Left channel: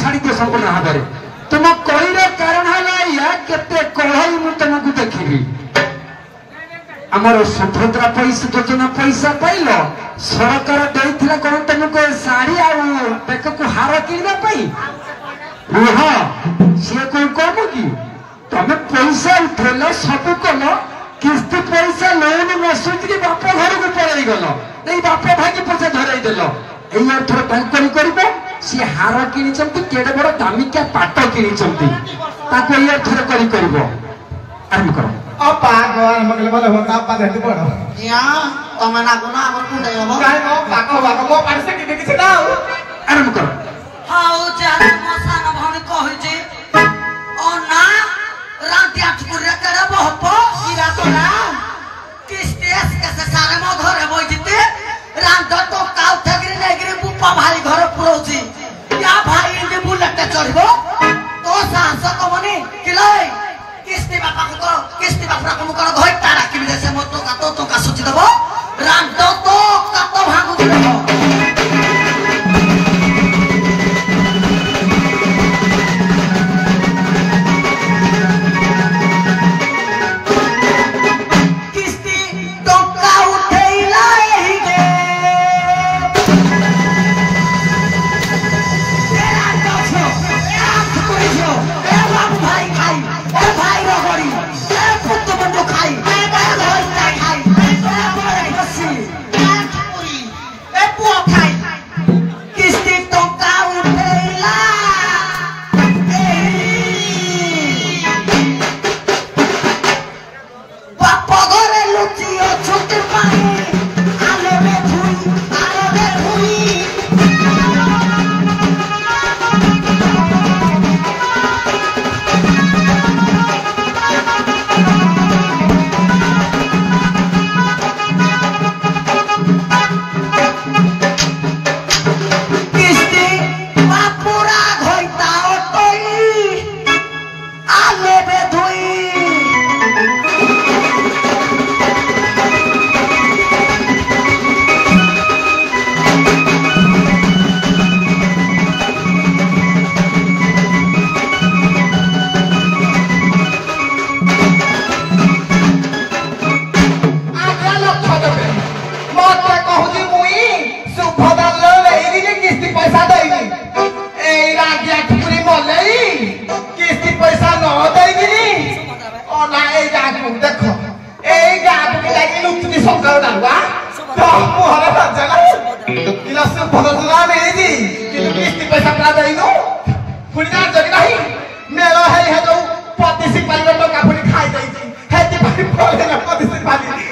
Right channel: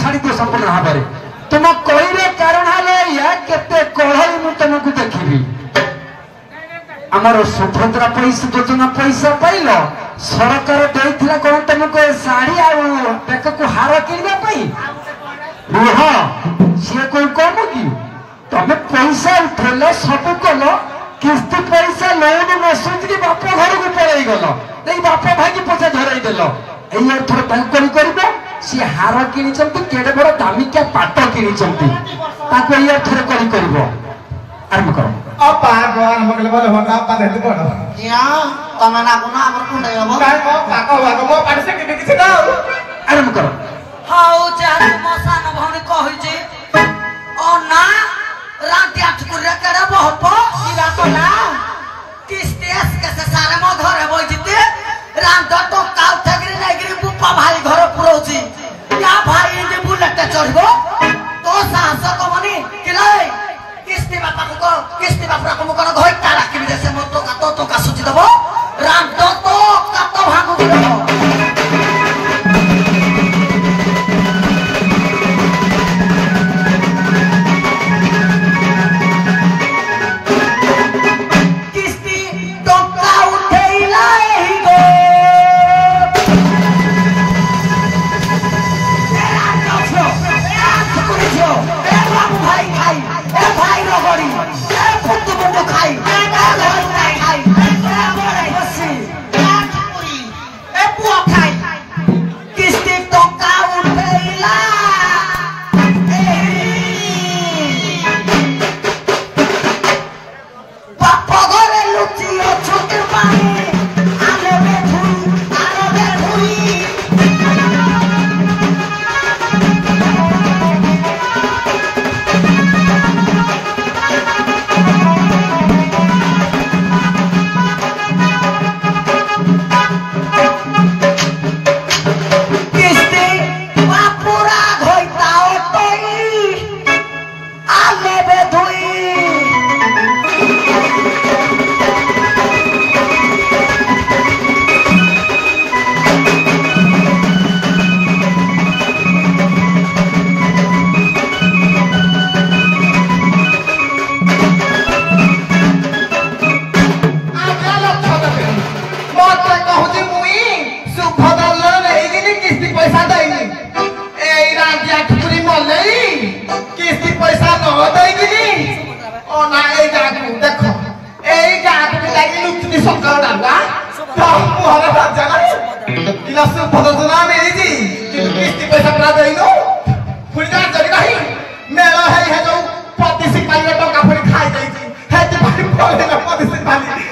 छाड़ी दियो संपूर्ण भाव में तुम कईर कारण है केते कढ़ई मु तुमको देखी आमर सुभद्रा पैसा योजना पैसा पाइल सरकार देइथिला कौन तुमको साड़ी आ बेक को हार किनवा रुह सी कोई कम कि तुम पैसा उठेल सब कल किस्ती पैसा लोन न सुझी बाप घर को पलि गल नहीं बाप भाई पैसा धरई देल एथर तांकरी कर सी हार किनी केड़े बड़ दामिकिया पाट किनी एथर कर आरंभ कर अपा गोर मगले बोले होगा अपा देते बड़ या तमे ना गुना आगर कुंडे हम काय पाका होगा मो पारसे के देखि ना आरंभ कर हाउ चार मसान भणी कहि जे ओ ना राती आठ कुरे केड़ा बहप इरा तोला किस्तेस के से सारे मो घरे बइते रात तो काउ थगरी नेगरी बुपा भाई घर पुरोजी या भाई जे बुलेट चढ़बो तो साहस कमनी किलाई किस्ती बापा को किस्ती बापा को कर घोय तारा किले से मत तो का सुचि दबो राम तो का तो भागु दबो किस्ती टंका उठैला एही गो ए बाबू भाई खाई ए भाई रगड़ी ए पुत्त बंदो खाई ए घर खाई ए बड़ाई बसी ए पुआ खाई किस्ती टंका उठैला बापा घरे लुचियो छुट पाए आले में भूई आले में भूई मेरा है जो प्रतिशी पाली टका पुरी खाई जाई छी हेते पाली बोले ना प्रतिशी पाली